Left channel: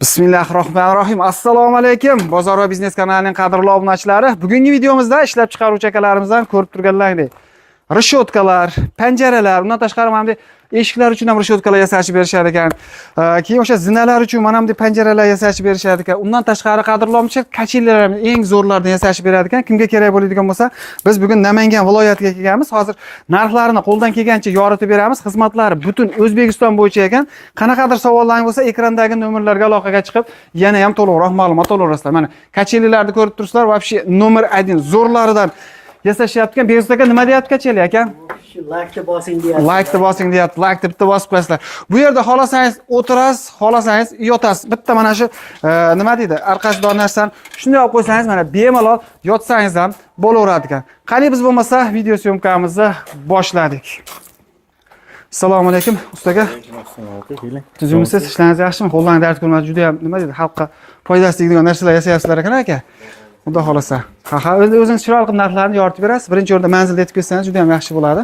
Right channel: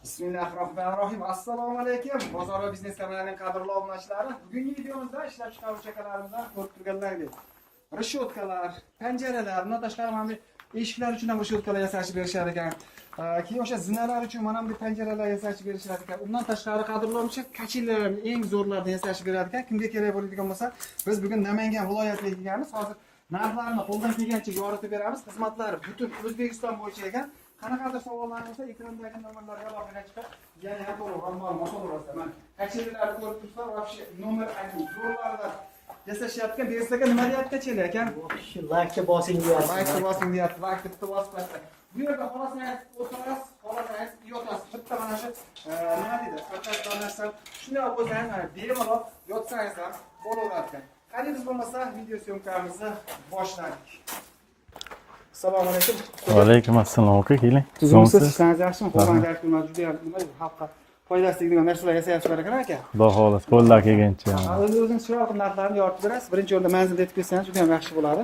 Bismillahirrohmanirrohim. Assalomu alaykum. Bozor va biznes kanalining qadrli obunachilari. Bugungi videomizda ishlab chiqaruvchi akalarimizdan ko'rib turganlaringdek rishotkalar, panjaralar, undan tashqari mana bunday eshiklar uchun ham rishotkalar yasashib berishar ekan. Keyin o'sha zinalar uchun mana bunday panjaralar yasashib berishar ekan. Undan tashqari qadrli obunachlar kachillar eng zo'rlardan yasashib beradi ekan. Kimga kerak bo'ladigan bo'lsa, biz bugun Namangan viloyatiga kelganmiz. Hozir narxlarini qo'ldan kelgancha yoritib beramiz. Xizmatlari butun O'zbekiston bo'yicha ekan. Qanaqadir savollarning bo'lsa, ekrandagi nomerlarga aloqaga chiqib, yana ham to'liqroq ma'lumot olasizlar. Mana kachillarni ko'rib turibsizlar, вообще nomer 1 zo'rlaridan yasashyapti. Berzod aka nima deyapti kacheli aka? Like bosing deyapti. Like bosing deyapti. Like deb bitta bosib qo'yasizlar. Bu yerda xolasangiz o'tirasiz, xolasangiz yotasiz. Bitta mana shu nima deydi? Arqashdor narsani shunday olib qo'ysangiz, mana bemalol yotsangiz ham bo'laveradi ekan. Qani biz bo'lmasa video syomkamizni boshladik. Assalomu alaykum usta aka. Alaykum assalom aka, keling. Sizlar ishlaringiz yaxshimi? Qo'ldan dard ko'rmadi, juda ham nima deydi? Xalqqa foydasi tegadigan narsalar yasayapsizlar ekan aka. Xudo xohlasa, Xudo xohlasa. Ha, o'zingiz chiroyli qilib narxlarni yoritib berasiz. Birinchi o'rinda manzilni aytib ketsangiz juda ham yaxshi bo'ladi.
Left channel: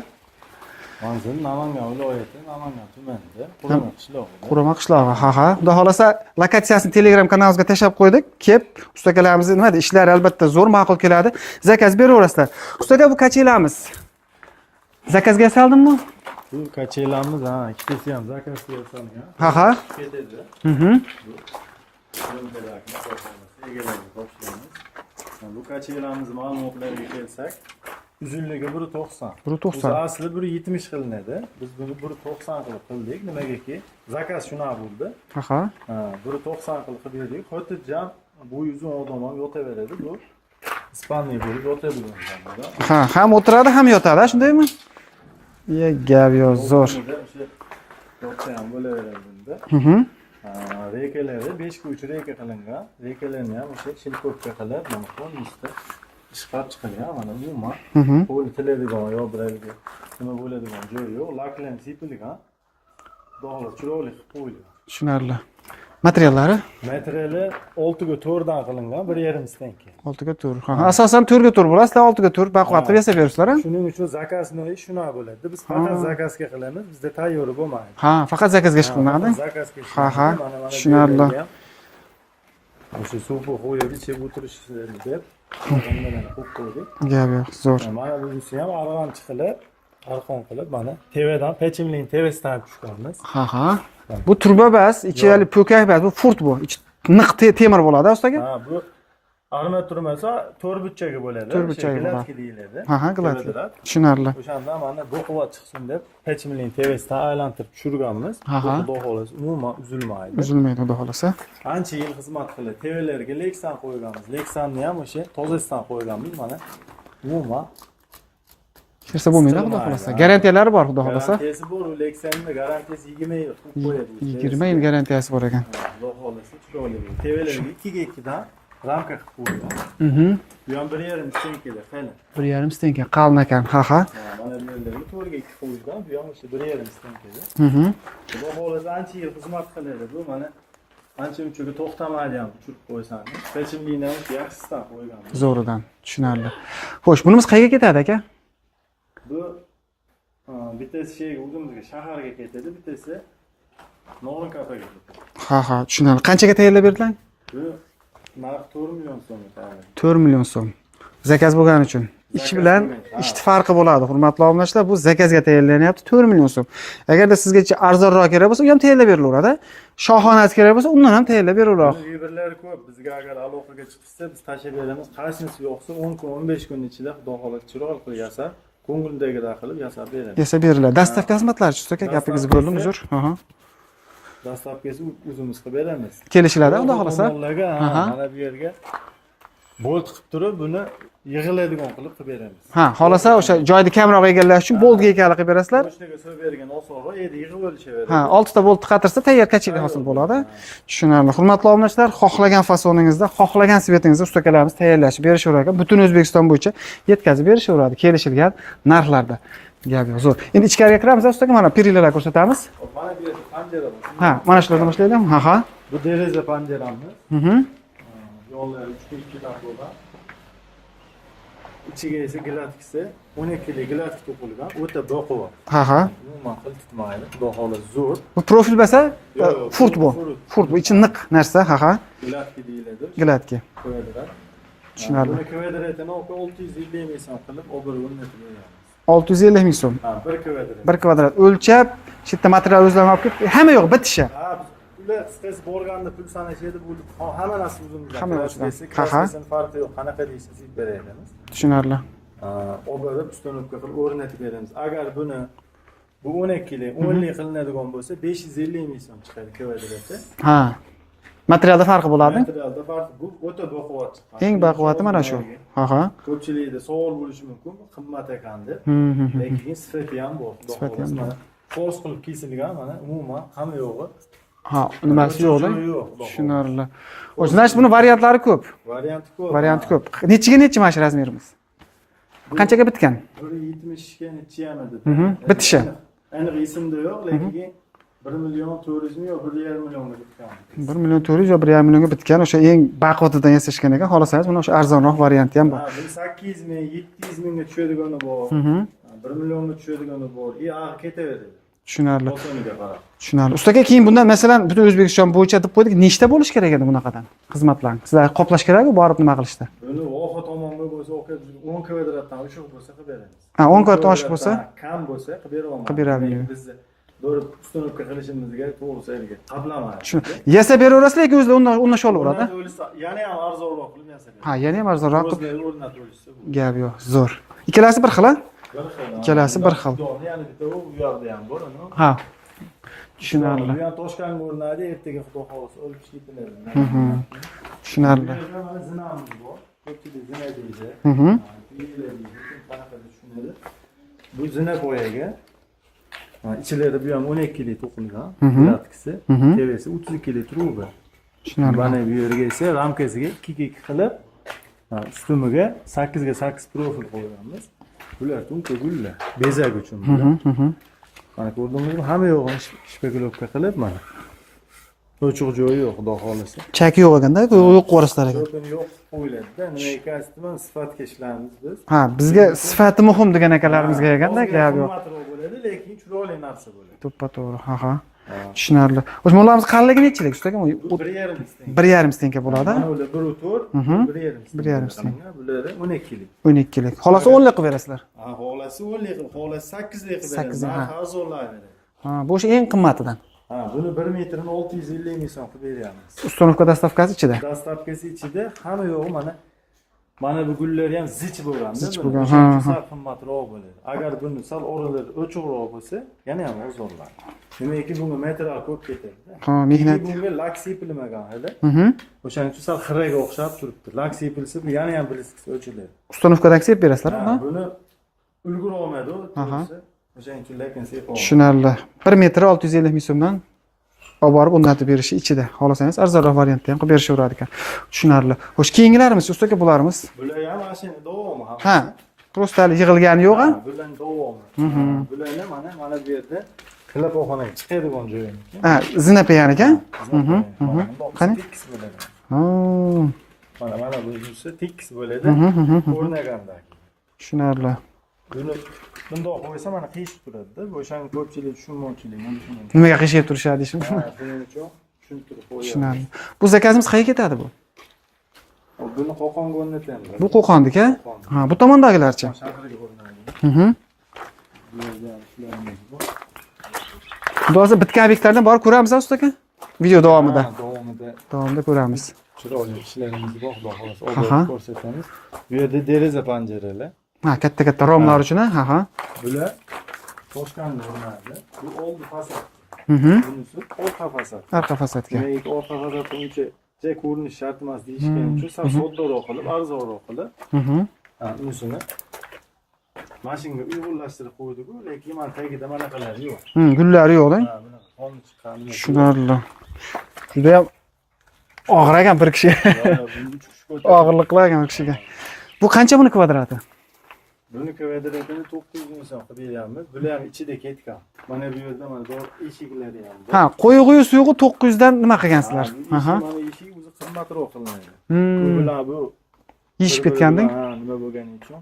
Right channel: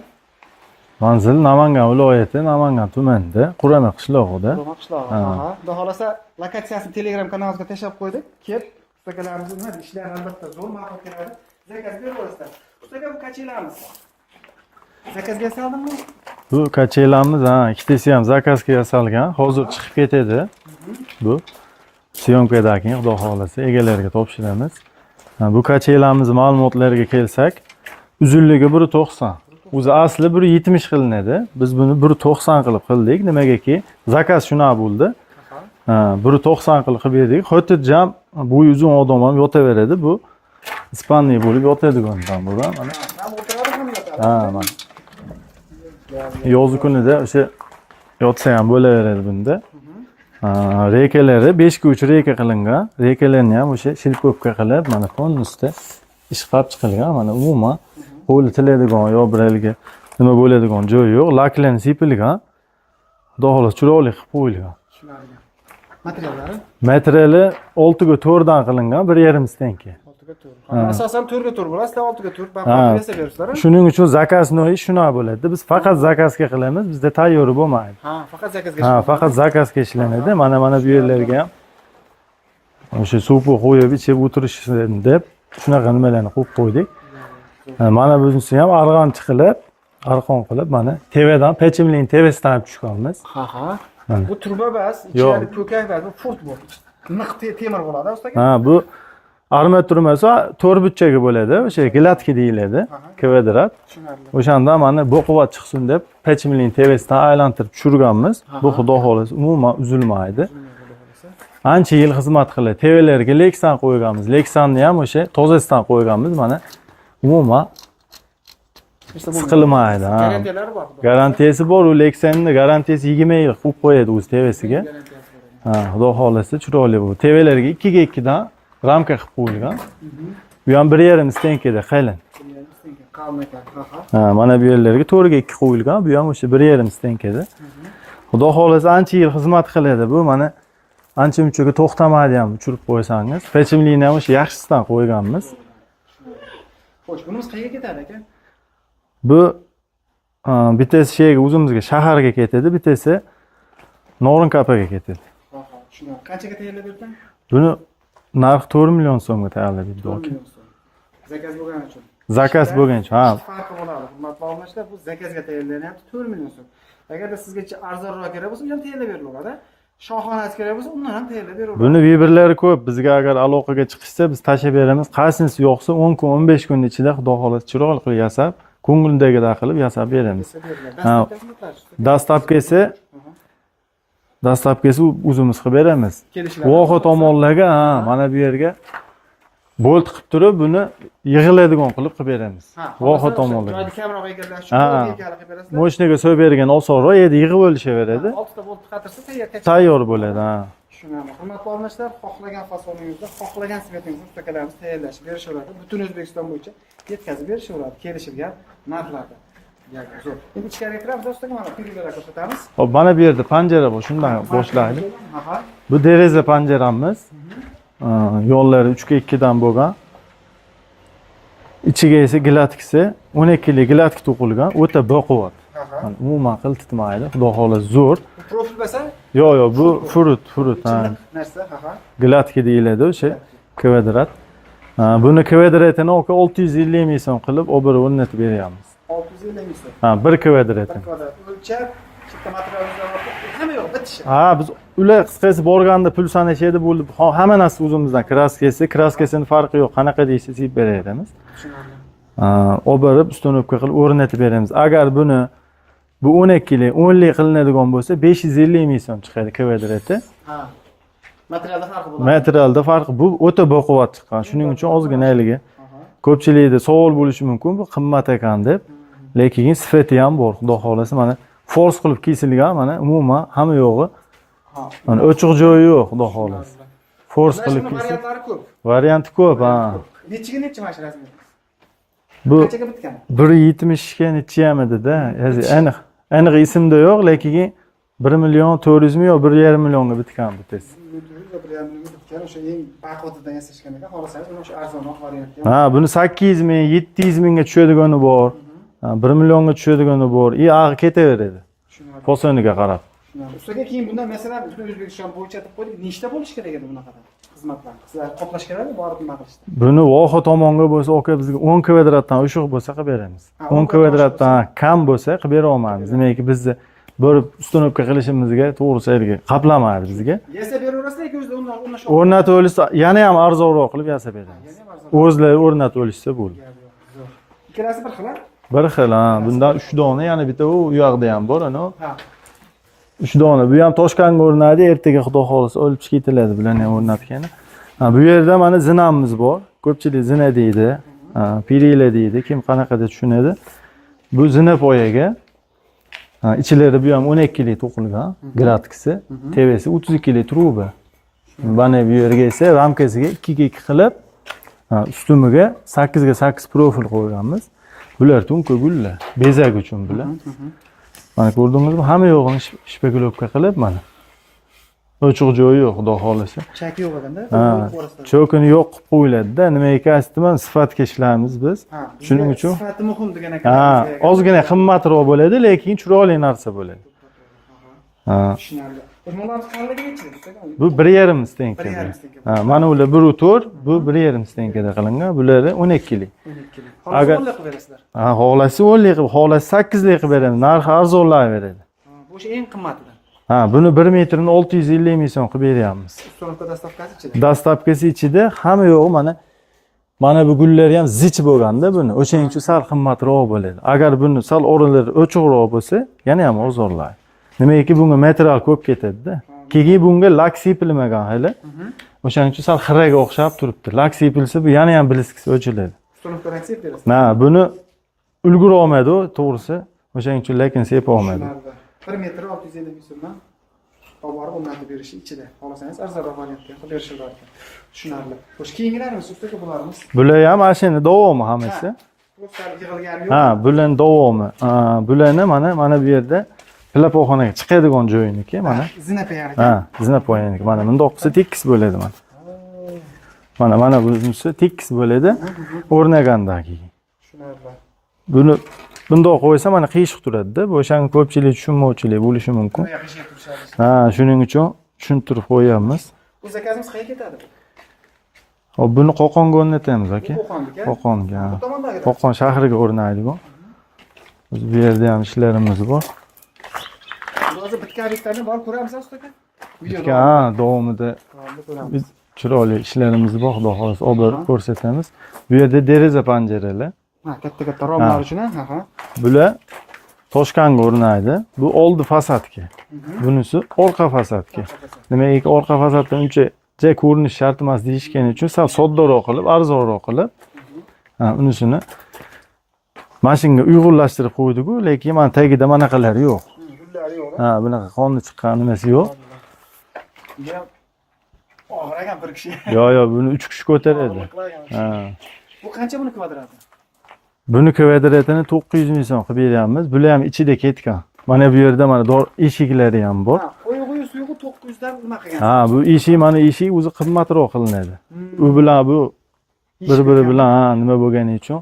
Manzil Namangan viloyati, Namangan tumanida, Qurama qishlog'ida. Qurama qishlog'i. Ha. Xudo xohlasa, lokatsiyasini Telegram kanalimizga tashlab qo'ydik. Kelib, ustakalarimiz nima deydi? Ishlari albatta zo'r, ma'qul keladi. Zakaz beraverasizlar. Ustaga bu kachilamiz. Zakazga yasaldimmi? Bu kachelamiz, ikkitasi ham zakazga yasalgan. Hozir chiqib ketadi. Bu syomkadagi, xudo xohlasa, egalariga topshiramiz. Bu kachelamiz ma'lumotlariga kelsak, uzunligi 1.90. O'zi asli 1.70 qilinadi. Biz buni 1.90 qilib qildik. Nimagaki, zakaz shuna bo'ldi. 1.90 qilib berdik. Xotirjam bo'yi uzun odam ham yotaveradi. Bu Ispaniya bo'lib yotadigan bu. Ham o'tiradi, ham yotadi, shundaymi? Gap yo'q. Yoz kunida o'sha yotsa ham bo'laveradi bunda. Rekalari 5x3 reka qilingan. Rekalarni ham o'sha shilpopka qilib, mana fon ustida ishqab chiqilgan. Mana umuman qo'li tiladigan yo biraliga nima bo'ladigan joy yo'q. Laklarni sepilgan. Xudo xohlasa chiroyli qilib qo'yilgan. Tushunarli. Materiallari? Materiali 6x4 dan qilingan, 1.5 stanka. 6x4. Asosan 4x4 bo'ladi, sizlar 6x4 baquvvatli yasab berasizlar. Shuning uchun zakaznoy shuna bo'ladi. Biz faqat zakazga qilamiz, bizda tayyor bo'lmaydi. Faqat zakazga ishlanadi. Faqat zakazga ishlanadi. Mana bu yerlarga ham o'sha suvni qo'yib ichib o'tirishsin deb shunaqa nimalarni qo'yib qo'ydik. Gap yo'q, zo'r. Mana bunisi ham arqon qilib, mana tevadan, pechimlining tevasidan olib tushganmiz. Bu turba bas, ichali po'kak bas, bu furt bu. Niq temir bo'ladi, ustaga? Bu armaturmasi 4 burchaga bo'ladi, o'sha gladki deyiladi. Kvadrat. Tushunarli. O'shanda mana bu quvvat chiqsin deb pechimlining tevasidan aylantirib tushirganmiz. Bu xudo xohlasa umuman uzilmaydi. Uzilmaydi, xudo xohlasa. Ancha yil xizmat qiladi. Tevalarga leksan qo'yganmiz. Leksanni ham o'sha tozasidan qo'yganmiz. Mana umuman siqilmaydi. Garantiyalari bor, xudo xohlasa. Garantiyasi bor, u leksanning garantiyasi 20 yil qo'yib qo'yadi o'z tevasiga. 20 yil garantiyasi bor ekan. Xudo xohlasa chiroyli bu. Tevalarga 2x2 dan ramka qilib qo'yilgan. Bu ham 1.5 stankada qalin. 1.5 stanka qalin ekan. Mana bu yerlarga 4x2 qo'yilgan. Bu ham o'sha 1.5 stankada. Xudo xohlasa ancha yil xizmat qiladi bu. Mana ancha munchaga to'xtamaydi ham uchirib qo'ysangiz. Pechimlikni ham o'sha yaxshisidan qo'yganmiz. Zo'ridan, tushunarli. Xo'sh, bunimiz qayerga ketadi aka? Bu bittasi o'zimizga shaharga ketadi, bittasi Norinkapaga ketadi. Tushunarli. Qanchaga tayyorlab berdilar? Buni narxi 4 million so'mga tayyorladik. 4 million so'm. Zakaz bo'lgani uchun. Zakaz bo'lgani uchun. Ikkita farqi bo'ladi, hurmatli obunachilar. Bu zakazga tayyorlanyapti 4 million so'm. Agarda sizga arzonroq kerak bo'lsa, u ham tayyorlab berilaveradi. Shohonasi kerak bo'lsa, undan ham tayyorlab berilaveradi. Buni vibrlari ko'p. Bizga agar aloqaga chiqishsa, biz tashlab beramiz. Qaysinisi yo'qsa 10 kun, 15 kun ichida xudo xohlasa chiroyli qilib yasab, ko'ngildagidek qilib yasab beramiz. Yasab beriladi. Dastlabki xizmatlar-chi usta? Dastlabkisi o'zimiz qilib beramiz. Kelishiladi. Voha tomonlarga, mana bu yerga bolt qilib turib, buni yig'iladigan qilib beramiz. Xolasa o'sha joyni kamroq egallash uchun boltga ekali qilib berasizlar. Moshinaga so'yib bergan osonroq, yerda yig'ib olishaveradi. 6 ta bolt qatirsa tayyor tayyor bo'ladi. Tushunarli. Hurmatli obunachilar, xohlagan fasoningizda, xohlagan svetingizda ustakalarimiz tayyorlashib berishaveradi. Butun O'zbekiston bo'yicha yetkazib berishaveradi kelishilgan narxlarda. Gap yo'q, zo'r. Endi ichkariga kiramiz, ustaga mana perilalar ko'rsatamiz. Hop, mana bu yerda panjara bor, shundan. Mana shularni ishlaydi. Bu deraza panjaramiz. Yo'llari 3x2 dan bo'lgan. ichiga esa gilatkisi 12 li gilatki to'qilgan, o'ta baquvvat. Ha. Umuman qiltitmaydi. Xudo xohlasa zo'r. Bu profil bo'lsa? Yo'q, bu furut. Ichi niq narsa, ha. Gilatki deyiladi o'sha. Gilatki. Kvadrat. Buni kvadratini 650 ming so'm qilib, obir o'rnatib beryapmiz. 650 ming so'm. 1 kvadrat. 1 kvadrat o'lchab, shu yerda material o'zlari olib kelib, hamma yo'q bitishi. Ha, biz ular qisqasi borganda pul sanashadi bo'ldi. Hamma narsa o'zimizdan. Kraskasini farqi yo'q. Qanaqa deysiz, yeb beramiz. Tushunarli. Oberib ustunovka qilib o'rnatib beramiz. Agar buni bu 12 li, 10 li qilinadigan bo'lsa, 550 ming so'm chiqadi kvadrati. Ha. Materialda farqi bo'ladi. Materialda farqi bu o'ta baquvvat chiqqan. Shuning uchun ozginaligi. Aha. Ko'pchilikda savol bo'lishi mumkin, bu qimmat ekan deb. Lekin sifati ham bor. Xudo xolasa mana fors qilib kesilgan, mana umuman hamma yo'g'i. Ha, o'chiq joyi yo'q, xudo xolasa. O'zlash buni variantlari ko'p. Varianti ko'p. Varianti ko'p. Nechiga nechi mana shu razmerimiz? Bu qanchaga bitgan? 170 ga nechi ham edi-da. Aniq esimda yo'q, lekin 1 million 400 ming yo 1,5 millionga bitgan bitasiz. 1 million 400 yo 1,5 millionga bitgan, o'sha eng baquvvatidan yasashgan ekan. Xohlasangiz, buni o'sha arzonroq varianti ham. Ha, buni 800 ming, 700 mingga tushadigani bor. 1 millionga tushadigani bor. Ag'i ketaveradi. Tushunarli. Bosoniga qarab. Tushunarli. Ustaga keyin bundan masalan butun O'zbekiston bo'yicha deb qo'ydik, nechta bo'lish kerak edi bunaqadan xizmatlarni? Sizlar qoplash kerakmi, borib nima qilishda? Buni voha tomonga bo'lsa, aka bizga 10 kvadratdan oshiq bo'lsa qilib beramiz. 10 kvadratdan kam bo'lsa qilib bera olmaymiz. Demak, bizni borib ustunovka qilishimizga to'g'ri serga qaplamaydi bizga. Yasab beraverasizlar yoki o'zlar o'rnashib oladi? O'rnatib olsa, yana ham arzonroq qilib yasab beramiz. Ha, yana ham arzonroq. O'zlari o'rnatib olishsa bo'ldi. Gap yo'q, zo'r. Ikkalasi bir xil, ha? Bir xil, ha. Bundan 3 dona, yana bitta u yoqda ham bor, ana. Ha. 3 dona. Bu ham Toshkentga o'rnadi, ertaga xudo xolasa olib ketiladi bilan ham o'rnatgani. Bu yerda mana zinamiz bor. Ko'pchilik zina deydi, pirila deydi, kim qanaqada tushunadi. Bu zina poyaga ichilari bu ham 12 li to'qilgan, gilatkisi, tevasi 32 li truba. Mana bu yerga esa ramkasiga 2 ga 2 qilib, ustumiga 8 ga 8 profil qo'yganmiz. Bular tunka gullar, bezak uchun bular. Mana ko'rdingizmi? Hamma yo'g'ini shpekulovka qilib mana. Ochiq joyi yo'q, xudo xolasa. Chaki yo'q ekanda, yo'q qo'rasizlar. Chokini yo'q qilib qo'yiladi-da. Nimaga kasbman sifatga ishlaymiz biz. Ha, bizga sifati muhim degan ekanlarimizga ekan. Ozgina qimmatroq bo'ladi, lekin chiroyli narsa bo'ladi. To'ppa-to'g'ri. Ha. Tushunarli. O'shmonlarimiz qalinligi nechilik ustaga? Bu 1,5 stenka. 1,5 stenka bo'ladi. Mana ular 1,4, bu 1,5 stenkada qilingan. Bularni 12 lik. 12 lik. Xohlasa 10 lik qilib berasizlar. Ha, xohlasa 10 lik, xohlasa 8 lik qilib beramiz. Narxi arzonlayveradi. Ha, bu o'sha eng qimmatidan. Ha, buni 1 metrini 650 ming so'm qilib beryapmiz. Ustunovka dastavkasi ichida. Dastavkasi ichida hamma yo'g'i mana bu gullar ham zich bo'lganda buni. O'shaning uchun sal qimmatroq bo'ladi. Agar buni sal o'rinlari ochiqroq bo'lsa, yana ham ozorlaydi. Nimaiki bunga material ko'p ketadi-da. Keyin bunga lak sepilmagan hali. O'shaning uchun sal xiraga o'xshab turibdi. Lak sepilsa bu yana ham bliskisi o'chiladi. Ustunovkadan sepib berasizlar. Ha, buni ulgura olmaydi, to'g'risi. O'shaning uchun lekin sepib olmaydi. Tushunarli. 1 metr 650 ming so'mdan olib borib o'rnatib berishi ichida. Xohlasangiz arzonroq variantda ham qilib berishaveradi ekan. Tushunarli. Xo'sh, keyingilarimiz ustoga bularimiz. Bular ham mana shuni davomi hammasi. Prosta yig'ilgani yo'q. Ha, bularning davomi. Bularni mana bu yerda klapoxonaga chiqadigan joyiniki. Ha, zinapoyan ekan. Ha, zinapoyaniki. Mana bundoq qilsa tekis bo'ladi mana. Mana bunisi tekis bo'ladi. O'rnagandan keyin. Tushunarli. Buni bundoq qo'ysa mana qiyshiq turadi-da. Bu o'shan ko'pchilik tushunmovchilik bo'lishi mumkin. Nimaga qiyshib turishadi shuni? Ha, shuning uchun tushuntirib qo'yamiz. Bu zakazimiz qayerga ketadi bu? Hop, buni Qo'qonga o'rnatamiz aka. Bu Qo'qondiki? Qo'qonga. Ha, bu tomondagilar. Qo'qon shahriga o'rnaydi bu. Bu yerda ham ishlarimiz bor. Hozir bitgan obyektlardan borib ko'ramiz ustaka? Video davomida. Ha, davomida ko'ramiz. Chiroyli ishlarimiz bor, xudo xolasa, olib ko'rsatamiz. Bu yerda deraza panjaralar. Ha, katta romlar uchun, ha. Bular Toshkentga o'rnaydi. Bu oldi fasadga. Bunisi orqa fasadga. Orqa fasadga. Demak, orqa fasaddan uncha ko'rinish shart emas deyishgani uchun sal soddaroq qilib, arzonroq qilib, ha, unisini mashinga uyg'unlashtirib qo'ydik-ku, lekin mana tagida manaqalari yo'q. Gullari yo'q-da? Ha, bunaqa qonni chiqqan nimasi yo'q. Juda ham og'ir ekan bir kishi. Yo'q, buni 3 kishi ko'taradi. Og'irlik qilagan kishiga. Bu qancha buni kvadrati? Buni kvadratini 900 ming so'm qilib beryapmiz. Bular ham ichida ketgan. Mana bu yerda mana eshiklari ham bor. Ha, qo'yig'i suyug'i 900 dan nima qilgansizlar? Ha, bu eshik mana eshik o'zi qimmatroq qilinadi. U bilan bu Yeyishib bir-biri ketganda? bilan ha, nima bo'lgani uchun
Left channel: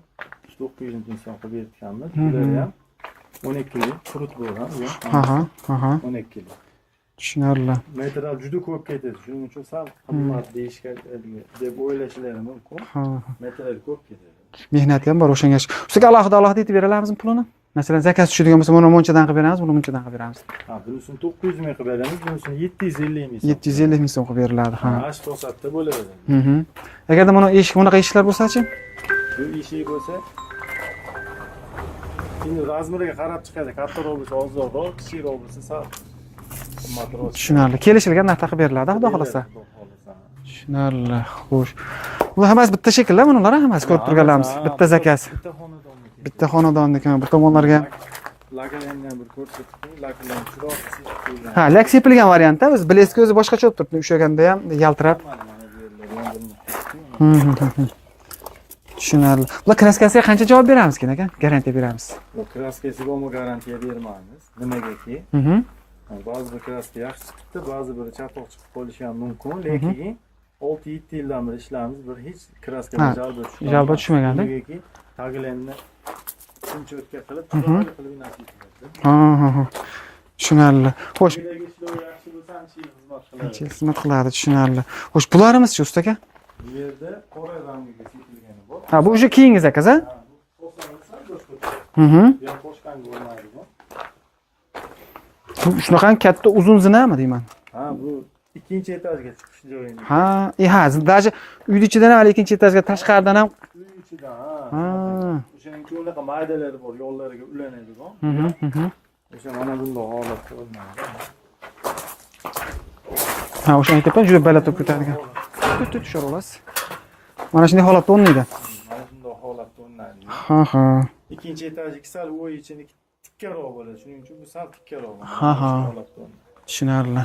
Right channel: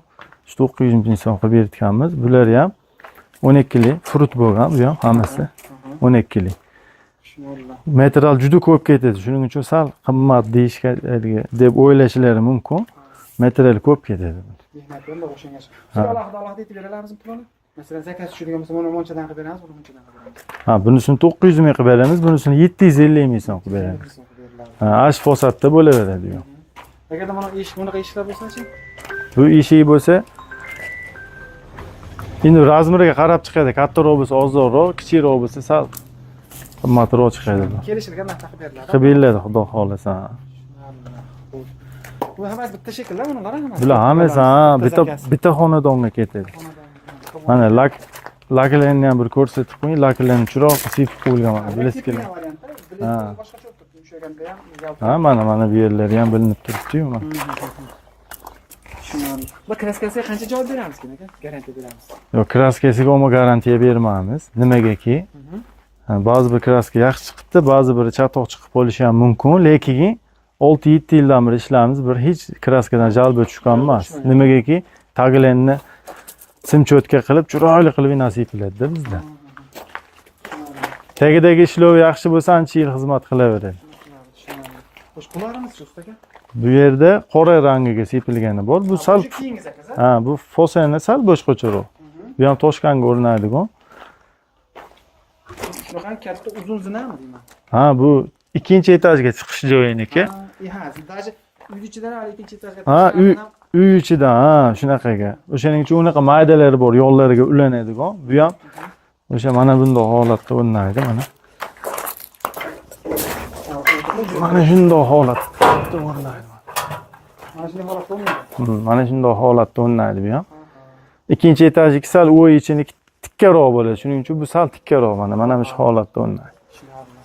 900 ming so'm qilib berganmiz. Bular ham 12 lik frut bo'lgan, bu ham hammasi Aha. 12 lik. Tushunarli. Material juda ko'p ketadi. Shuning uchun sal qimmat deyishga deb o'ylashlari mumkin. Material ko'p ketadi. Mehnat ham bor o'shanga. Ustiga alohida aytib beralamizmi pulini? Masalan, zakaz tushadigan bo'lsa, buni munchadan qilib beramiz, buni munchadan qilib beramiz. Ha, bunisini 900 ming qilib beramiz, bunisini 750 ming so'm. 750 ming so'm qilib beriladi. Ha, ash fosatda bo'laveradi. Agarda buni bunaqa eshiklar bo'lsa-chi? Bu eshik bo'lsa, endi razmeriga qarab chiqadi. Kattaroq bo'lsa ozroq, kichikroq bo'lsa sal qimmatroq chiqadi. Tushunarli. Kelishilgan narxda qilib beriladi. Qilib beriladi, xudo xolasa. Tushunarli. Xo'sh. Bular hammasi bitta shekillar, bular hammasi Hammasi bitta zakaz. bitta xonadonga ketadi. Bitta xonadonniki, bu tomonlarga. Laklarni ham bir ko'rsatib qo'ying. Laklarni chiroq sepib qo'yilgan. Ha, lak sepilgan variantda, o'zi bleski o'zi boshqacha bo'lib turibdi. O'shaganda ham yaltirab. Mana bu yerlari ham bilinib turibdi-yu. Tushunarli. Bular kraskasiga qancha javob beramiz aka? Garantiya beramiz. Yo'q, kraskasiga umuman garantiya bermaymiz. Nimagaki? Ba'zi bir kraska yaxshi chiqibdi, ba'zi biri chatoq chiqib qolishi ham mumkin, lekin 6-7 yildan beri ishlaymiz, bir hech kraskadan jalba tushgan emas. Nimagaki? Taglarni sim-cho'tka qilib, chiroyli qilib nasib qiladi bizda. Tushunarli. Tagidagi ishlov yaxshi bo'lsa, ancha yil xizmat qilaveradi. Xizmat qiladi, tushunarli. Xo'sh, bularimiz-chi ustaga? Bu yerda qora rangiga sepilgani bor. Ha, bu o'sha keyingi zakaz, a? Ha, bu fosani sal boshqacharoq. Bu ham toshkanga o'rnaydigan. Shunaqa katta uzun zinami deyman. Ha, bu ikkinchi etajga chiqish joyiniki. Ha, даже uyni ichidan ham ikkinchi etajga tashqaridan ham uy ichidan, ha, shunaqaga. O'shaning uchun unaqa maydalari bor, yo'llariga ulanadigan. Bu ham o'sha mana bunday holatda o'rnaydi, mana. Ha, o'shani aytibman, juda baland shunday holat. Mana shunday holatda o'rnaydi. Mana shunday holatda o'rnaydi bu ham. Ha. Ikkinchi etajniki sal o'y ichini tikkaroq bo'ladi. Shuning uchun bu sal tikkaroq mana shu holatda o'rnaydi. Tushunarli.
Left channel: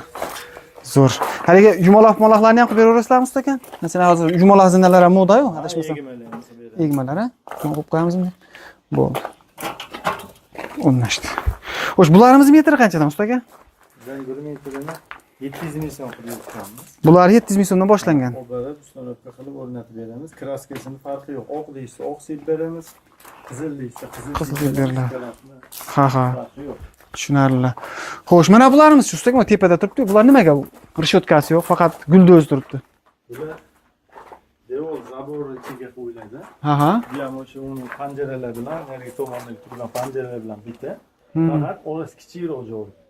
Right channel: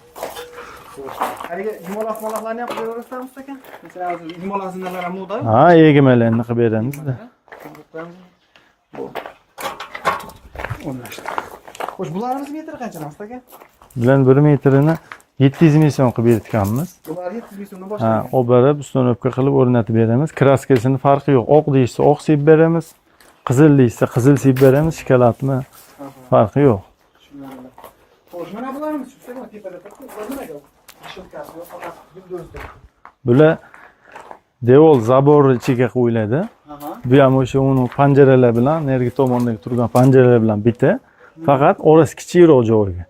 Zo'r. Haligi yumaloq-moloqlarni ham qilib beraverasizlarmi usta aka? Masalan, hozir yumaloq zinalar ham moda-yu. Ha, egmalarni qilib beramiz. Egmalar, ha? Qo'yib qo'yamizmi? Bo'ldi. O'rnashdi. Xo'sh, bularimiz metri qanchadan usta aka? Bular 1 metrini 700 ming so'm qilib berganmiz. Bular 700 ming so'mdan boshlangan. Oborib, ustonovka qilib o'rnatib beramiz. Kraskasini farqi yo'q. Oq deyishsa oq sepib beramiz. Qizil deyishsa qizil sepib beramiz. Shikolatmi? Ha. Farqi yo'q. Tushunarli. Xo'sh, mana bularimiz shu ustaga tepada turibdi. Bular nimaga? Rishotkasi yo'q, faqat guldo'z turibdi. Bular devor zabor ichiga qo'yiladi. Bu ham o'sha uni panjaralar bilan, narigi tomondagi turgan panjaralar bilan bitta. Faqat orasi kichikroq joyga.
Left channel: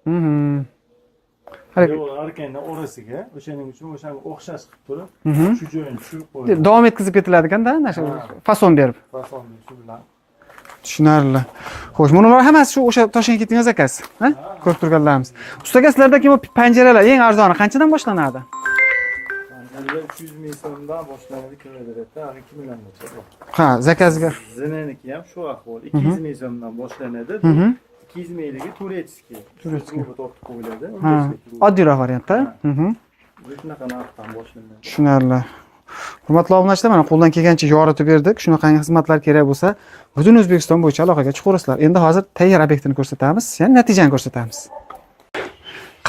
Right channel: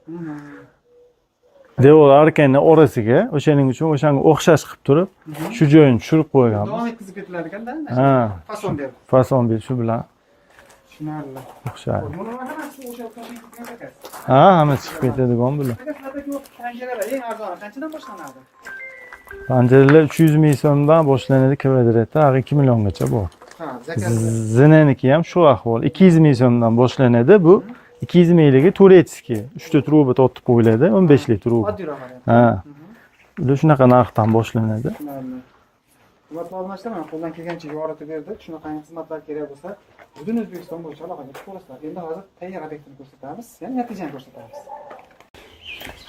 Devor arkani orasiga, o'shaning uchun o'shanga o'xshash qilib turib, shu joyini tushirib qo'ygan. Davom etkizib ketiladi-da, fason berib. Fason berib shu bilan. Tushunarli. Xo'sh, bular hammasi shu o'sha Toshkentga ketgan zakaz, ha? Hammasi. Ustaga sizlardagi bu panjaralar eng arzoni qanchadan boshlanadi? Panjaralar 300 ming so'mdan boshlanadi, kvadratda 2 milliongacha bor. Ha, zakazga. Zinaniki ham shu ahvol. 200 ming so'mdan boshlanadi. Bu 200 mingligi turetskiy. 3 ta truba tortib qo'yiladi, 15 lik truba. Oddiyroq variantda. Ular shunaqa narxdan boshlanadi. Tushunarli. Hurmatli obunachilar, mana qo'ldan kelgancha yoritib berdik. Shunaqangi xizmatlar kerak bo'lsa, butun O'zbekiston bo'yicha aloqaga chiqaverasizlar. Endi hozir tayyor obyektini ko'rsatamiz, ya'ni natijani ko'rsatamiz.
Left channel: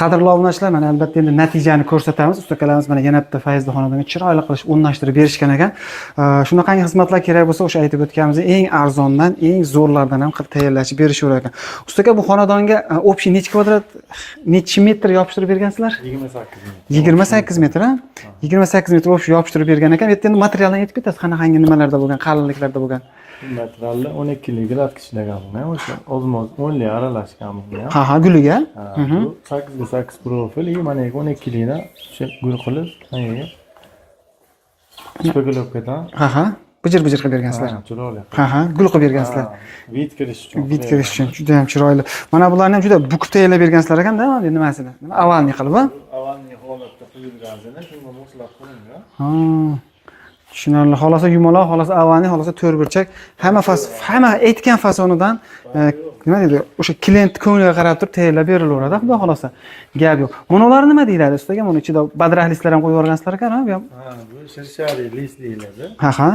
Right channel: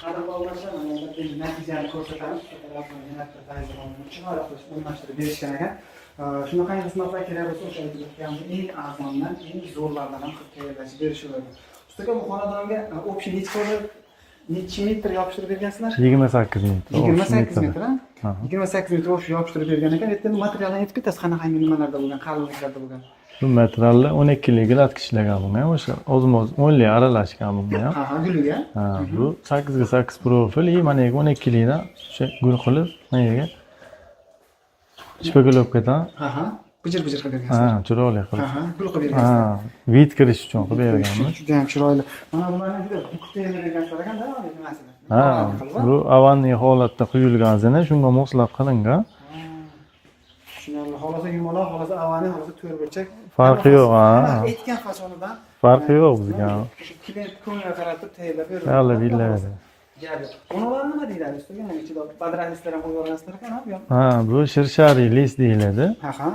Qadrli obunachilar, mana albatta endi natijani ko'rsatamiz. Ustakalarimiz mana yana bitta Fayzli xonadonga chiroyli qilib o'rnashtirib berishgan ekan. Shunaqangi xizmatlar kerak bo'lsa, o'sha aytib o'tganimiz eng arzondan, eng zo'rlardan ham qilib tayyorlashib berishaverar ekan. Ustaka, bu xonadonga общий necha kvadrat, necha metr yopishtirib bergansizlar? 28 metr. 28 metr, ha? 28 metr общий yopishtirib bergan ekan. Bu yerda endi materialdan aytib ketasiz, qanaqangi nimalarda bo'lgan, qalinliklarda bo'lgan. Bu materiallar 12 lik gladki ishlagan bo'lgan, o'sha o'zimiz 10 lik aralashgan bo'lgan. Ha, guliga. Bu 8 ga 8 profil, mana 12 likda o'sha gul qilib, mana shpagolovkadan. Ha, bijir-bijir qilib bergansizlar. Ha, chiroyli. Ha, gul qilib bergansizlar. Vid kirish uchun. Vid kirish uchun juda ham chiroyli. Mana bularni ham juda bukib tayyorlab bergansizlar ekan-da, endi nimasini? Avalni qilib, ha? Bu avalni holatda quyilgan zina, shunga moslab qilingan. Tushunarli. Xolosa yumaloq, xolosa avani, xolosa to'rtburchak. Hamma aytgan fasonidan farqi yo'q. Nima deydi? O'sha klient ko'ngliga qarab turib tayyorlab berilaveradi, xudo xolosa. Gap yo'q. Bunalar nima deyiladi ustaga? Buni ichida badrah listlar ham qo'yib yuborgansizlar ekan, bu ham. Ha, bu shirshari list deyiladi. Ha.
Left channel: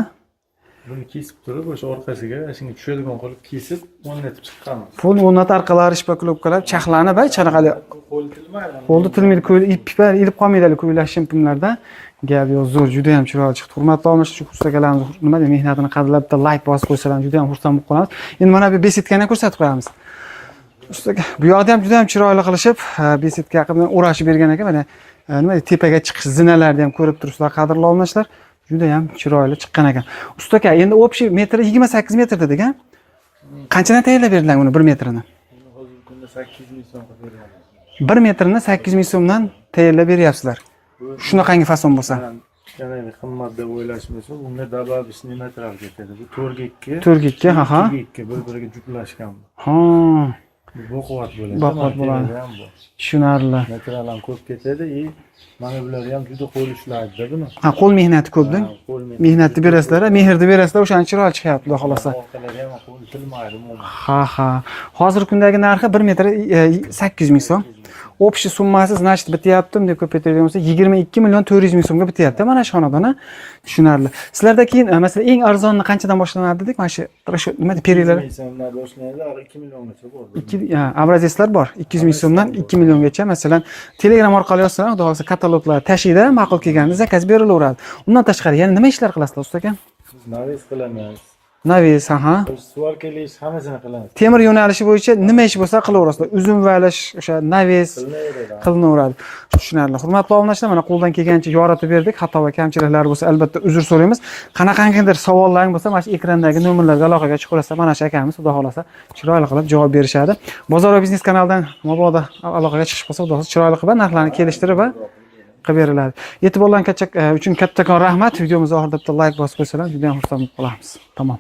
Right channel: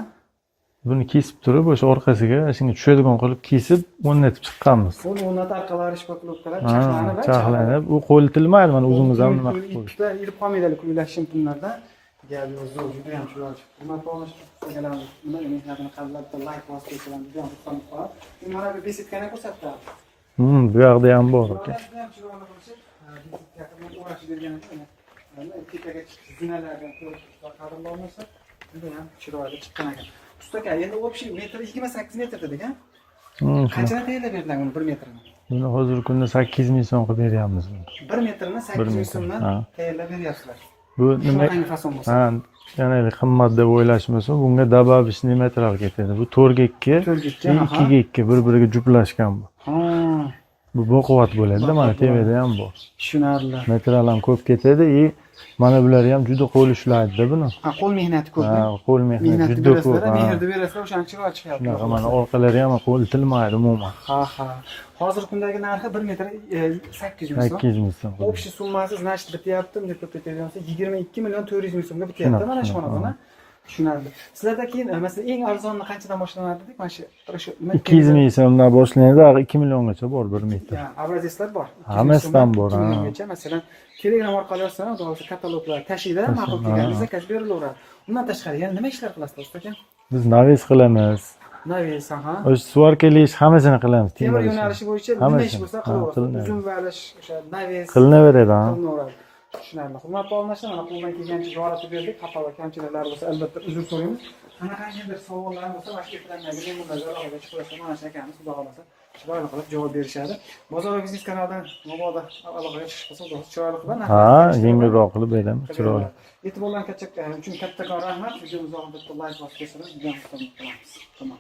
Buni kesib turib, o'sha orqasiga shunga tushadigan qilib kesib, o'rnatib chiqqanmiz. Pul o'rnat orqalari shpaklopkalar chaqlanib, chanaqali. U qo'litilmaydi mana. Qo'lda tilmaydi, iplar ilib qolmaydi ko'ylak shimpimlarda. Gap yo'q, zo'r, juda ham chiroyli chiqdi. Hurmatli obunachilar, shu ustakalarimiz nima deb mehnatini qadrlab bitta like bosib qo'ysalar, juda ham xursand bo'lib qolamiz. Endi mana bu besetkani ko'rsatib qo'yamiz. Bu yoqda ham bor. Bu yoqda ham juda ham chiroyli qilishib, besetka qilib o'rashib bergan ekan. Mana nima tepaga chiqish zinalarni ham ko'rib turibsizlar, qadrli obunachilar. Juda ham chiroyli chiqqan ekan. Usta aka, endi общий metri 28 metr dedik, a? Qanchadan tayyorlab berdilar buni 1 metrini? Buni hozirgi kunda 8 ming so'm qilib beryapmiz. 1 metrini 8 ming so'mdan tayyorlab beryapsizlar. Bu shunaqangi fason bo'lsa. Yana qimmat deb o'ylashmasin, bunga добавочный metral ketadi. Bu 4 ga 2, 4 ga, ha. 2 ga 2 bir-biriga juplashgan bu. Ha. Bu baquvvat bo'ladi, mana tevada ham bor. Tushunarli. Metral ham ko'p ketadi, mana bular ham juda qo'l ishlaydi-da buni. Ha, qo'l mehnati ko'p-da. Qo'l mehnati. Mehnatni berasizlar, mehrni berasizlar, o'shani chiroyli chiqyapti, xudo xolosa. Orqalari ham qo'l tilmaydi umuman. Ha. Hozirgi kundagi narxi 1 metr 800 ming so'm. 800 ming so'm. Общий summasi, значит, bityaptim deb ko'paytirgan bo'lsa 22 million 400 ming so'mga bityapti mana shu xonadon. Tushunarli. Sizlarda keyin masalan eng arzonni qanchadan boshlanadi dedik? Mana shu nima 200 ming so'mdan boshlanadi, 2 milliongacha bor bir metr. Obrazetslar bor. 200 ming so'mdan 2 milliongacha masalan Telegram orqali yozsalar, xudo xolasa kataloglar tashiyda ma'qul kelganda zakaz berilaveradi. Undan tashqari yana nima ishlar qilasizlar usta aka? Biz naves qilamiz. Naves, ha. O'sha svarkali ish hammasini qilamiz. Temir yo'nalishi bo'yicha nima ish bo'lsa qilaverasizlar. Uzun valish, o'sha naves qilinaveradi. Qilinaveradi. Tushunarli. Hurmatli obunachilar, mana qo'ldan kelgancha yoritib berdik. Xato va kamchiliklar bo'lsa, albatta uzr so'raymiz. Qanaqangidir savollaring bo'lsa, mana shu ekrandagi nomerlarga aloqaga chiqaversa, mana shu akamiz xudo xolasa chiroyli qilib javob berishadi. Bozor va biznes kanalidan mabodo aloqaga chiqish bo'lsa, xudo xolasa chiroyli qilib narxlarni kelishtirib qilib beramiz. Qilib beriladi. E'tiborlaringiz uchun kattakon rahmat. Videomiz oxirida bitta like bosib qo'ysalar, juda ham xursand bo'lib qolamiz. Tamom.